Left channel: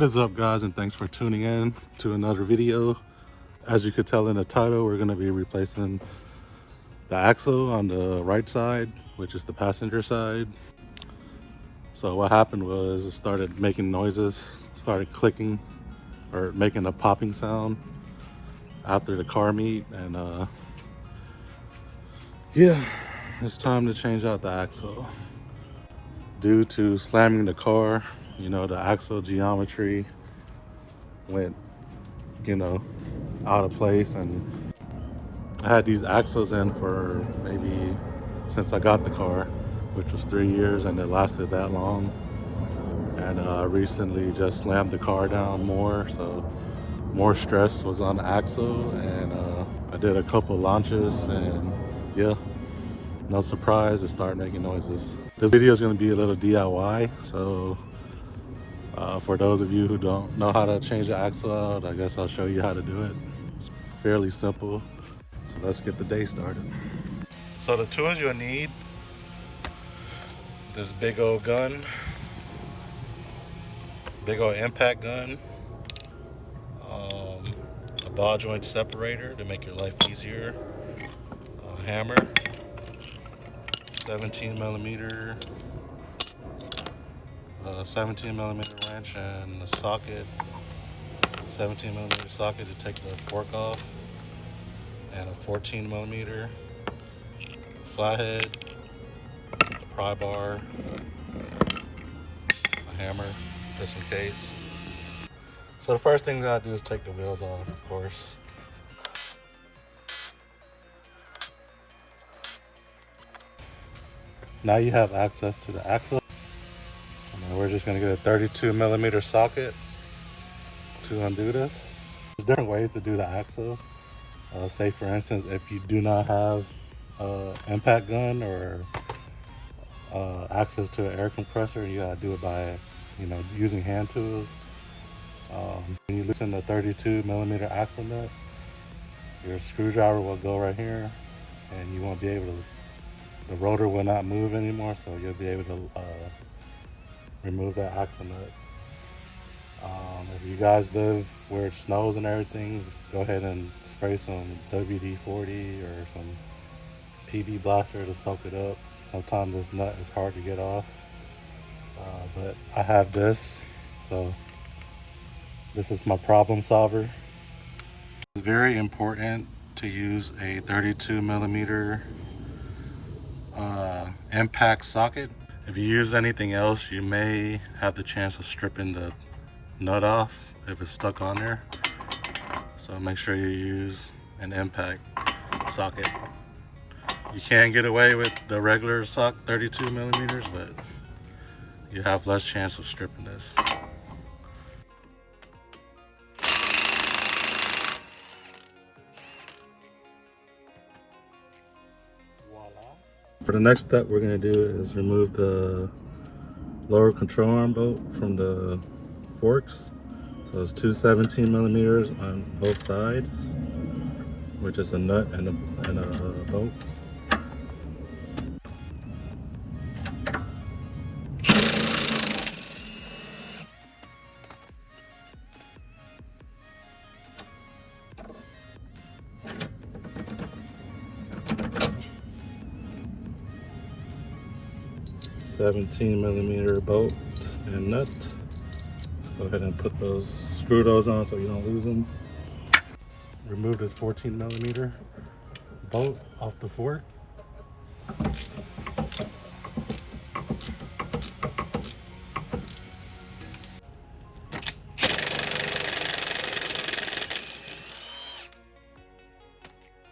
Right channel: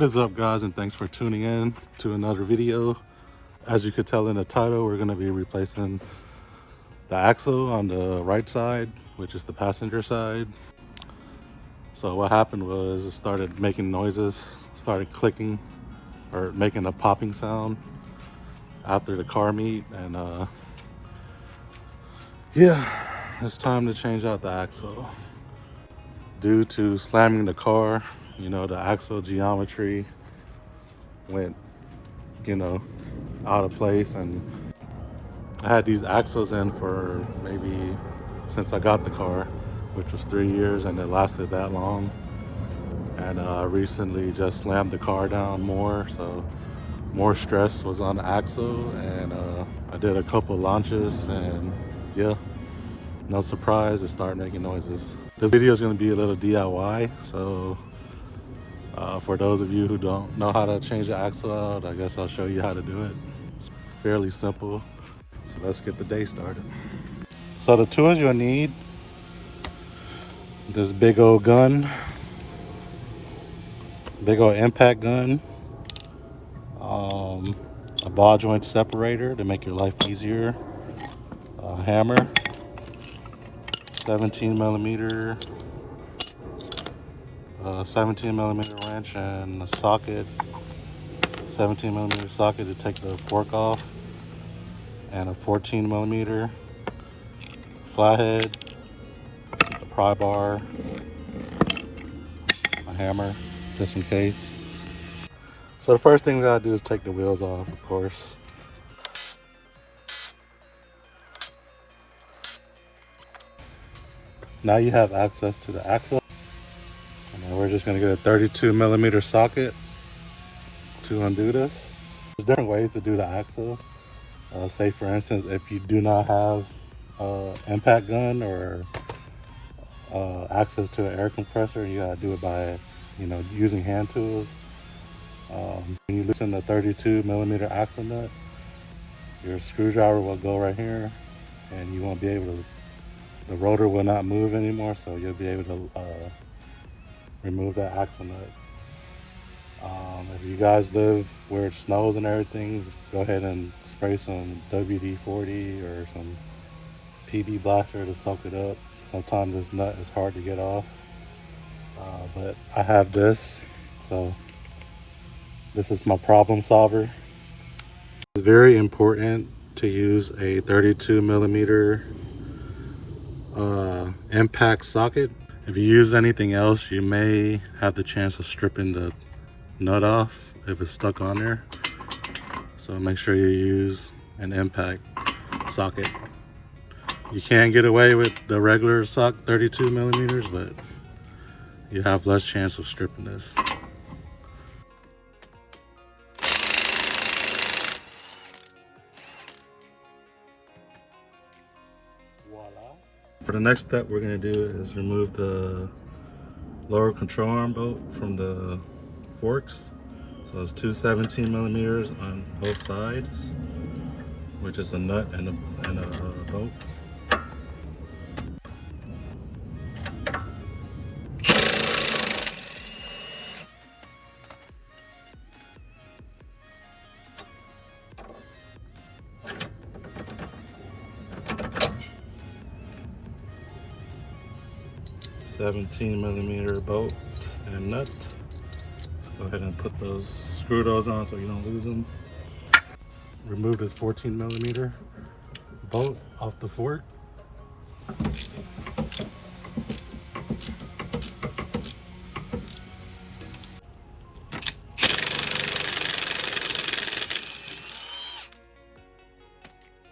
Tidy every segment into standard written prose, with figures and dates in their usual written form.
What is up, guys, and thanks for tuning in to another video. As you could tell in the title, we're going to be replacing the axle on the right side, which is the passenger side. So what happened was it started making noises, started clicking or making a popping sound after the car meet, and yeah, it's time to change out the axle. Due to slamming the car, the axle geometry went, out of place, and I had these axles in for maybe since I got the car, which was 3 years, and it lasted that long. And I recently just slammed the car down more, so more stress was on the axle, and I did a couple launches, and yeah, no surprise, it started making noises. This video is going to be a little DIY, so for those of you who don't know how to change the axle out, I guess I'll show you how to do it. It's fairly simple. So let's get the day started. So the tools you'll need: this big old gun, big old impact gun, a ball joint separator to make your life easier, a hammer, 17 millimeter wrench, and a socket, 17 millimeter socket to take the fork off, and a 14 millimeter flathead, a pry bar, a hammer just in case. So the first thing we gotta do is take the wheels off, of course. Now you have access to the axle. And then we're just gonna get a 32 millimeter socket to undo this. There's different ways to do the axle. Say for instance, if you do not have impact gun or access to an air compressor, you gotta do it by, using hand tools. When you loosen the 32 millimeter axle nut, your screwdriver will go right here, and you won't be able to, the rotor will not move anymore, so you'll be able to remove that axle nut. If you guys live where it snows and everything, just go ahead and spray some WD-40 or some PB Blaster to suck it up. Sometimes this nut is hard to get off, but I have this, so this is my problem solver. It's very important to use a 32 millimeter impact socket. If you use anything else, you may have the chance of stripping the nut off if it's stuck on there. So make sure you use an impact socket. You can get away with the regular 32 millimeters, but you have less chance of stripping this. Voila. For the next step, we're going to do is remove the lower control arm bolt from the forks. So it's two 17 millimeters on both sides, which is a nut and a bolt. $17 millimeter bolt and nut. Let's go ahead and screw those on so you don't lose them. Remove this 14 millimeter bolt off the fork.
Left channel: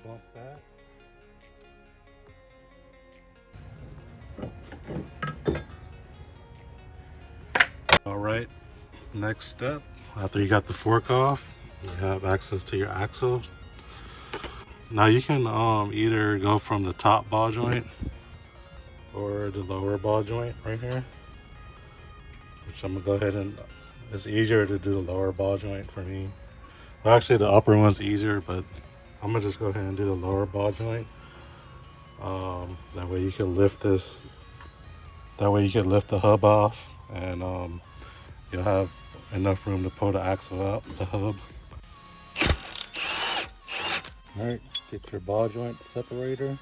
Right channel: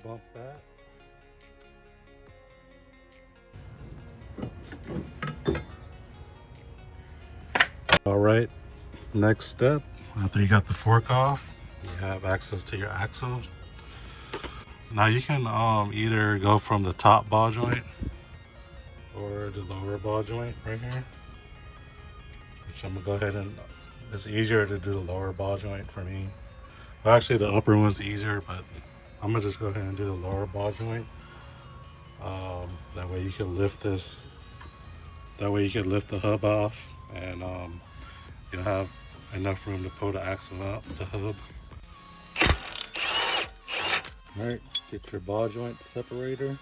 Bump that. All right, next step, after you got the fork off, you have access to your axle. Now you can either go from the top ball joint or the lower ball joint right here, which I'm gonna go ahead and, it's easier to do the lower ball joint for me. Well, actually the upper one's easier, but I'm gonna just go ahead and do the lower ball joint. That way you can lift this, that way you can lift the hub off, and you'll have enough room to pull the axle out, the hub. All right, get your ball joint separator.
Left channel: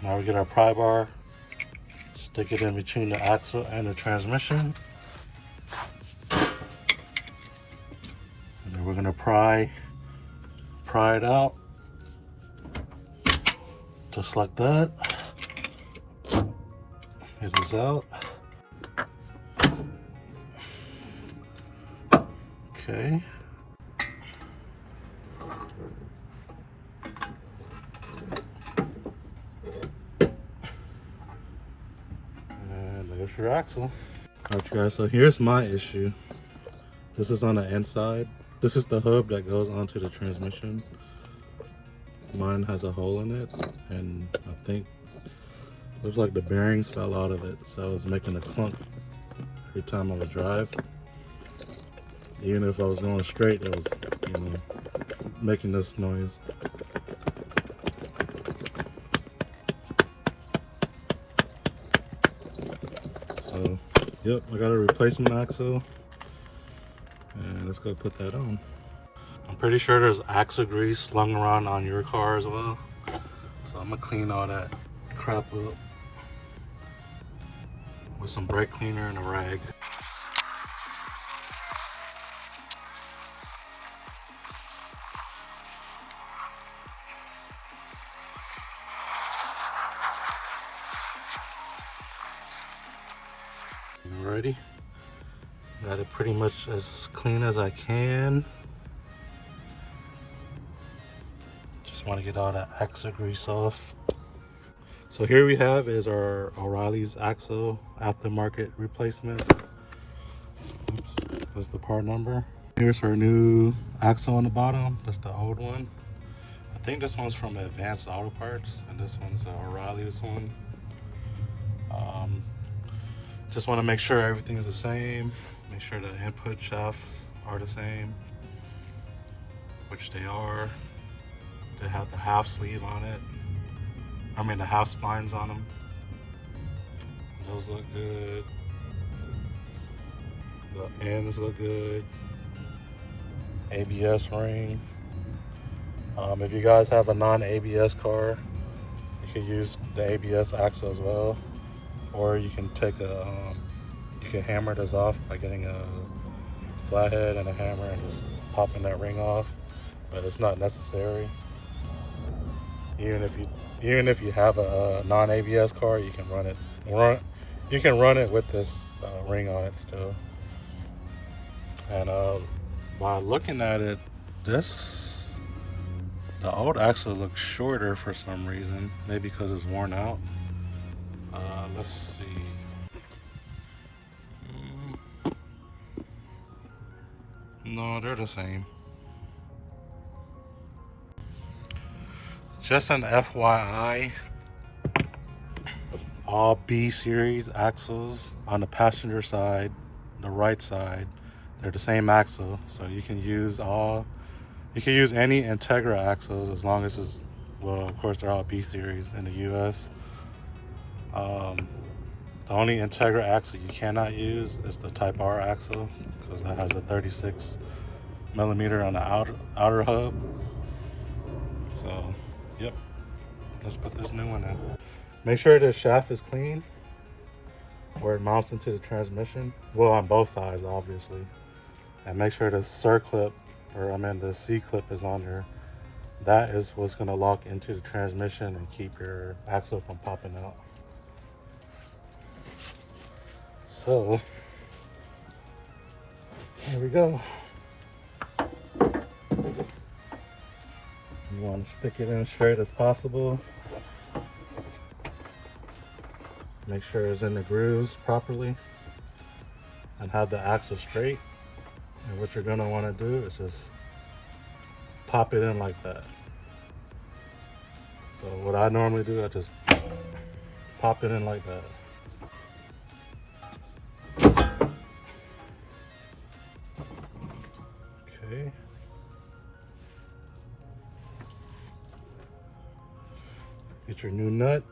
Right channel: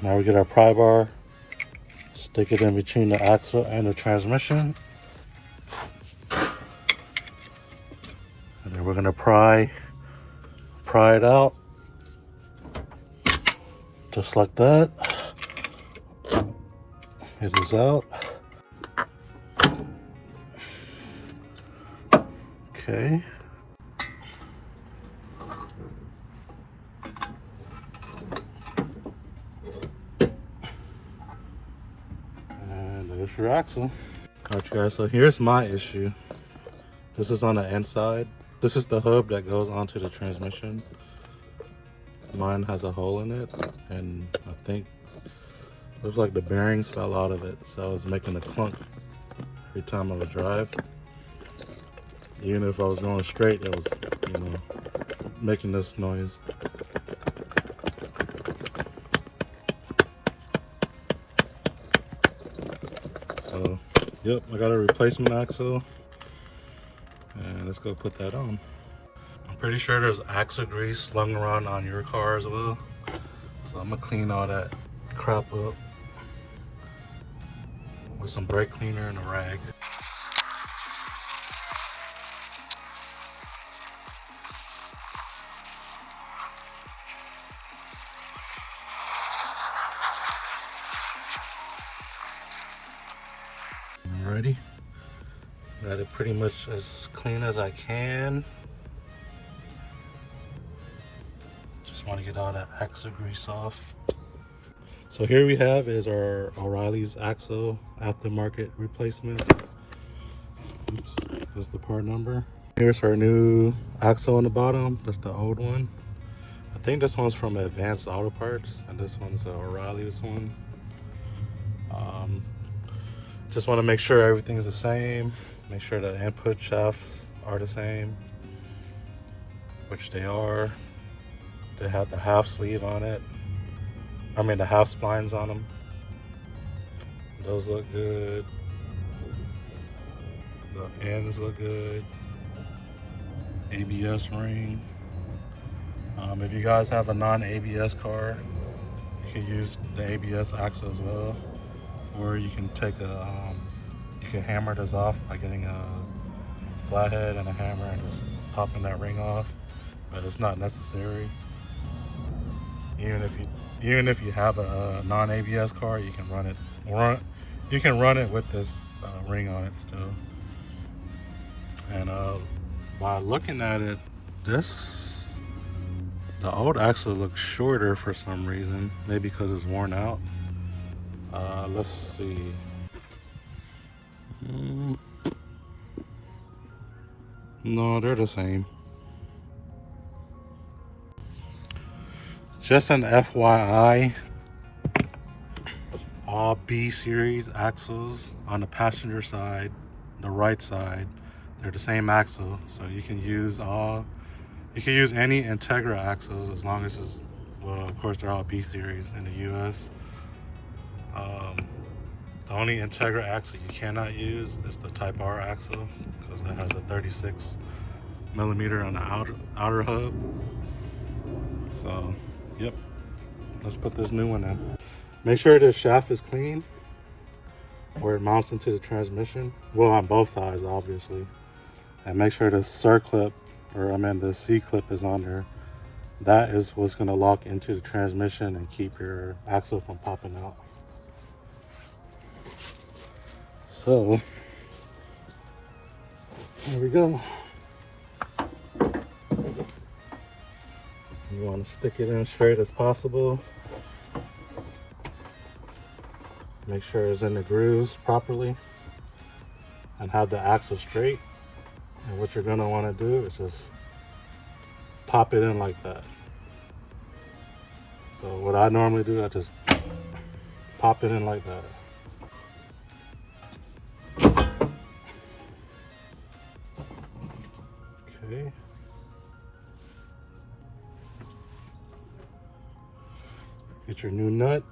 Now we get our pry bar, stick it in between the axle and the transmission. And then we're gonna pry it out, just like that. It is out. Okay. And there's your axle. Alright you guys, so here's my issue. This is on the inside. This is the hub that goes onto the transmission. Mine has a hole in it, and I think it looks like the bearings fell out of it, so I was making a clunk every time I would drive. Even if I was going straight, it was, you know, making this noise. So, yep, I got a replacement axle, and let's go put that on. I'm pretty sure there's axle grease slung around on your car as well, so I'm gonna clean all that crap up with some brake cleaner and a rag. Alrighty, got it pretty much as clean as I can. Just want to get all that axle grease off. So here we have is our O'Reilly's axle aftermarket replacement. Oops, that's the part number. Here's her new axle on the bottom. That's the old one. I think this one's from Advanced Auto Parts, and this one's O'Reilly's one. Just want to make sure everything's the same. Make sure the input shafts are the same, which they are. They have the half sleeve on it. I mean the half splines on them. Those look good. The ends look good. ABS ring. If you guys have a non-ABS car, you can use the ABS axle as well. Or you can take you can hammer this off by getting a flathead and a hammer and just popping that ring off. But it's not necessary. Even if you have a non-ABS car, you can run it with this ring on it still. And by looking at it, the old axle looks shorter for some reason. Maybe because it's worn out. Let's see. No, they're the same. Just an FYI, all B series axles on the passenger side, the right side, they're the same axle. So you can use any Integra axles as long as it's, well, of course they're all B series in the US. The only Integra axle you cannot use is the Type R axle, because it has a 36 millimeter on the outer hub. So, yep, let's put this new one in. Make sure the shaft is clean where it mounts into the transmission. Well, on both sides, obviously. And make sure the circlip, the C-clip is on there. That is what's gonna lock into the transmission and keep your axle from popping out. So, there we go. You want to stick it in straight as possible. Make sure it's in the grooves properly and have the axle straight. And what you're gonna want to do is just pop it in like that. So what I normally do, I just pop it in like that. Okay. Get your new nut.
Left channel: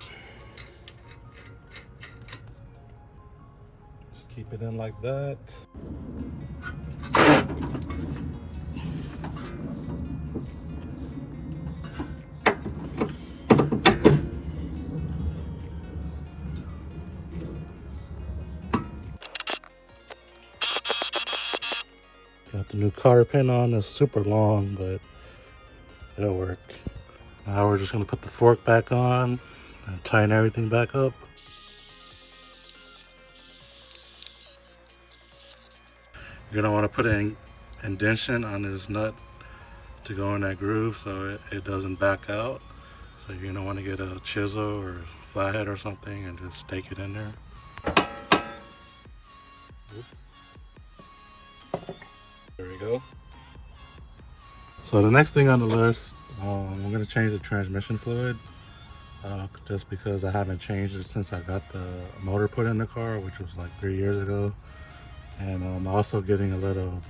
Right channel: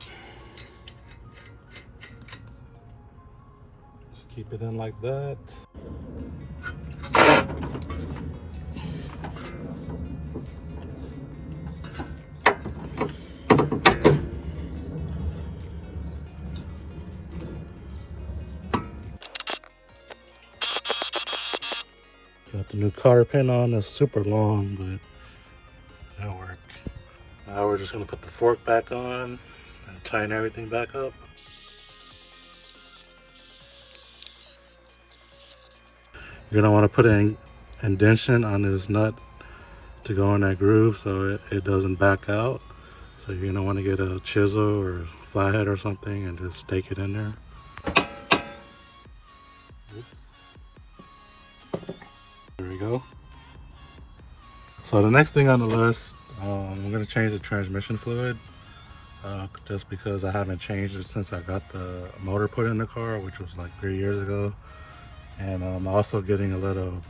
Just keep it in like that. Got the new cotter pin on. It's super long, but it'll work. Now we're just gonna put the fork back on and tighten everything back up. You're gonna want to put an indentation on this nut to go in that groove so it doesn't back out. So you're gonna want to get a chisel or flathead or something and just stake it in there. There we go. So the next thing on the list, I'm gonna change the transmission fluid. Just because I haven't changed it since I got the motor put in the car, which was like 3 years ago. And I'm also getting a little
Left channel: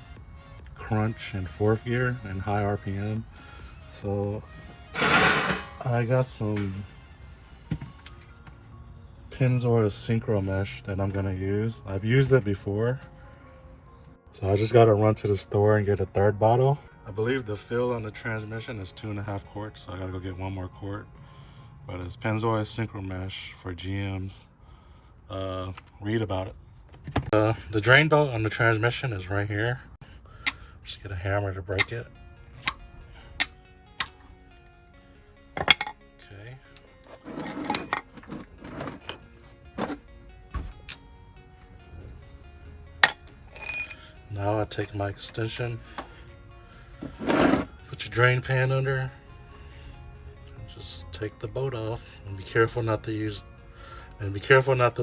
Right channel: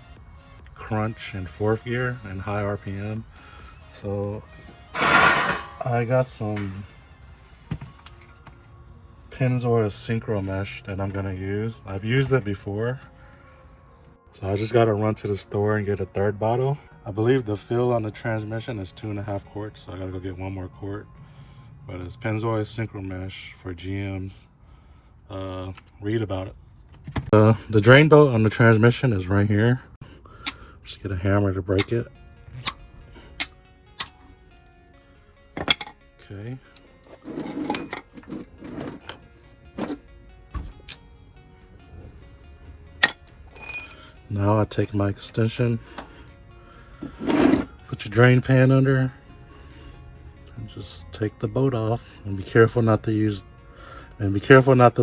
crunch in fourth gear and high RPM. So I got some Penzoil Syncromesh that I'm gonna use. I've used it before. So I just gotta run to the store and get a third bottle. I believe the fill on the transmission is 2.5 quarts, so I gotta go get one more quart. But it's Penzoil Syncromesh for GMs. Read about it. The drain bolt on the transmission is right here. Just get a hammer to break it. Okay. Now I take my extension, put your drain pan under, and just take the bolt off. And be careful not to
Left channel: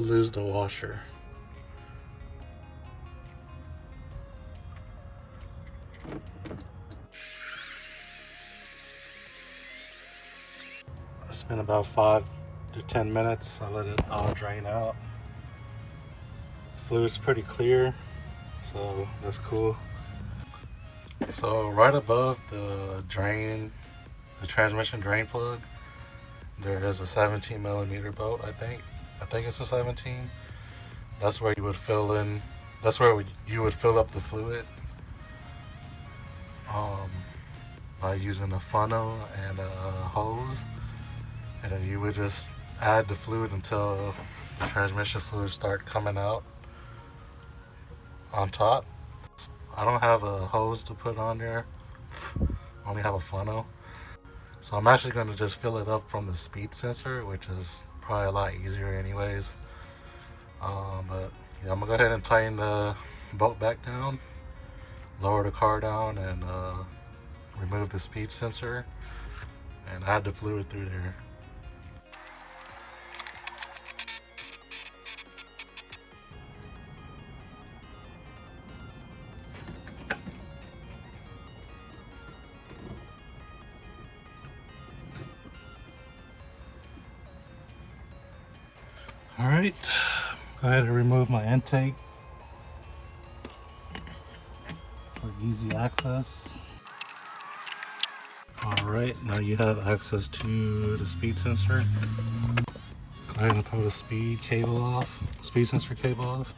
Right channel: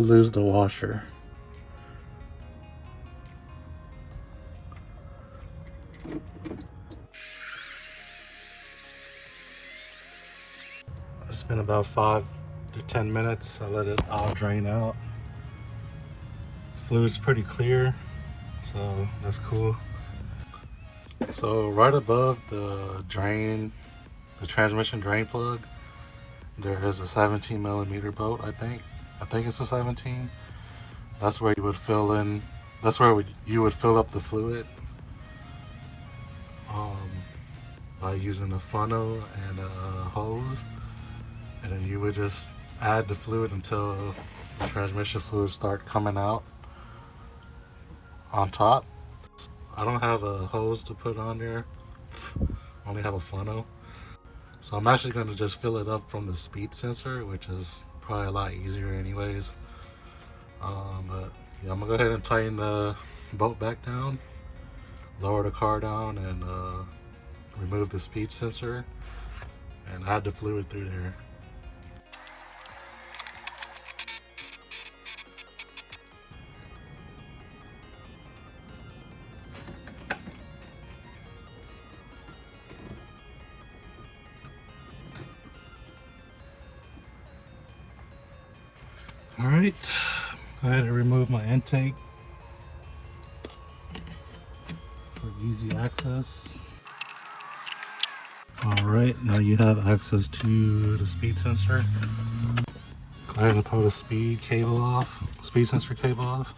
lose the washer. It's been about 5 to 10 minutes. I let it all drain out. Fluid's pretty clear, so that's cool. So right above the transmission drain plug, there is a 17 millimeter bolt. I think it's a 17. That's where you would fill in. That's where you would fill up the fluid by using a funnel and a hose, and then you would just add the fluid until the transmission fluid start coming out on top. I don't have a hose to put on there. I only have a funnel. So I'm actually going to just fill it up from the speed sensor, which is probably a lot easier anyways. But yeah, I'm going to go ahead and tighten the bolt back down, lower the car down, and remove the speed sensor and add the fluid through there. All right, go ahead and remove my intake for easy access. All right, now you have access to the speed sensor. Go ahead and pull the speed sensor cable off.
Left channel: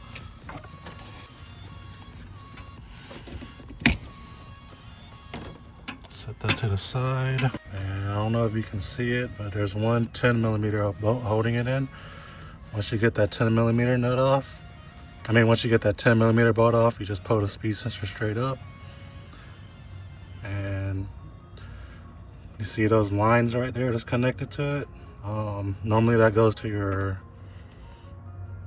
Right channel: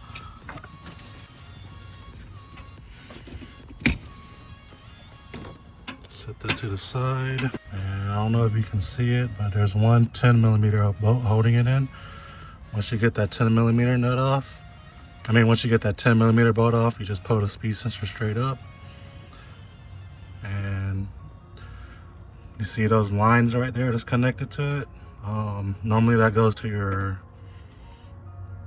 Set that to the side. And I don't know if you can see it, but there's one 10 millimeter bolt holding it in. Once you get that 10 millimeter nut off, once you get that 10 millimeter bolt off, you just pull the speed sensor straight up. And you see those lines right there that's connected to it? Normally that goes to your,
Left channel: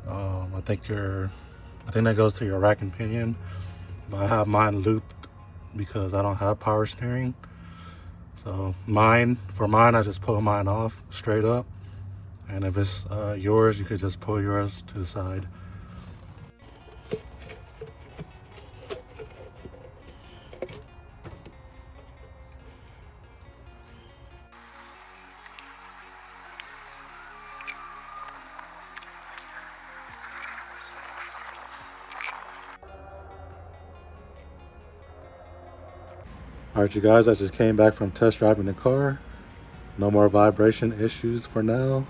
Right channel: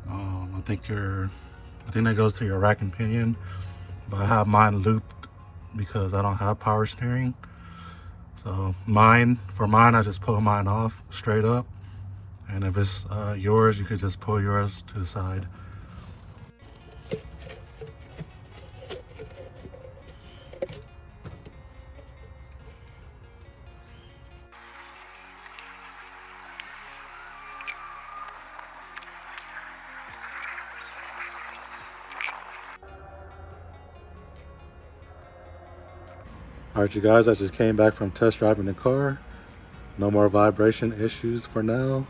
I think that goes to your rack and pinion, but I have mine looped because I don't have power steering. So for mine, I just pull mine off straight up. And if it's yours, you could just pull yours to the side. All right, you guys, I just came back from test driving the car. No more vibration issues for now.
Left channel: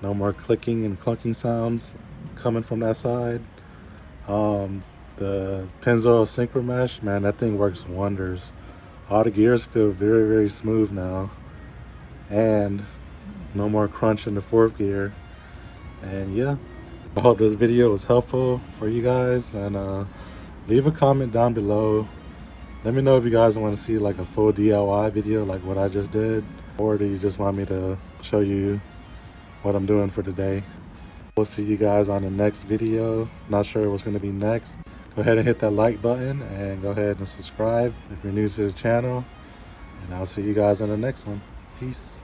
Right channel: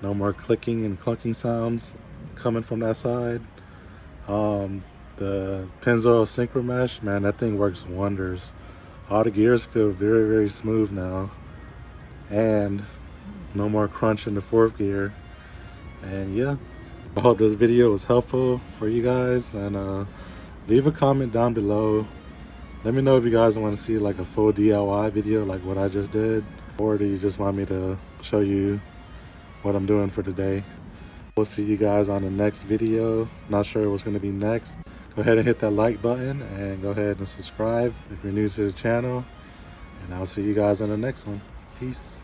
No more clicking and clunking sounds coming from that side. The Penzoil Syncromesh, man, that thing works wonders. All the gears feel very, very smooth now. And no more crunch in the fourth gear. And yeah, I hope this video was helpful for you guys. And leave a comment down below. Let me know if you guys want to see like a full DIY video like what I just did. Or do you just want me to show you what I'm doing for today? We'll see you guys on the next video. Not sure what's going to be next. Go ahead and hit that like button and go ahead and subscribe if you're new to the channel. And I'll see you guys on the next one. Peace.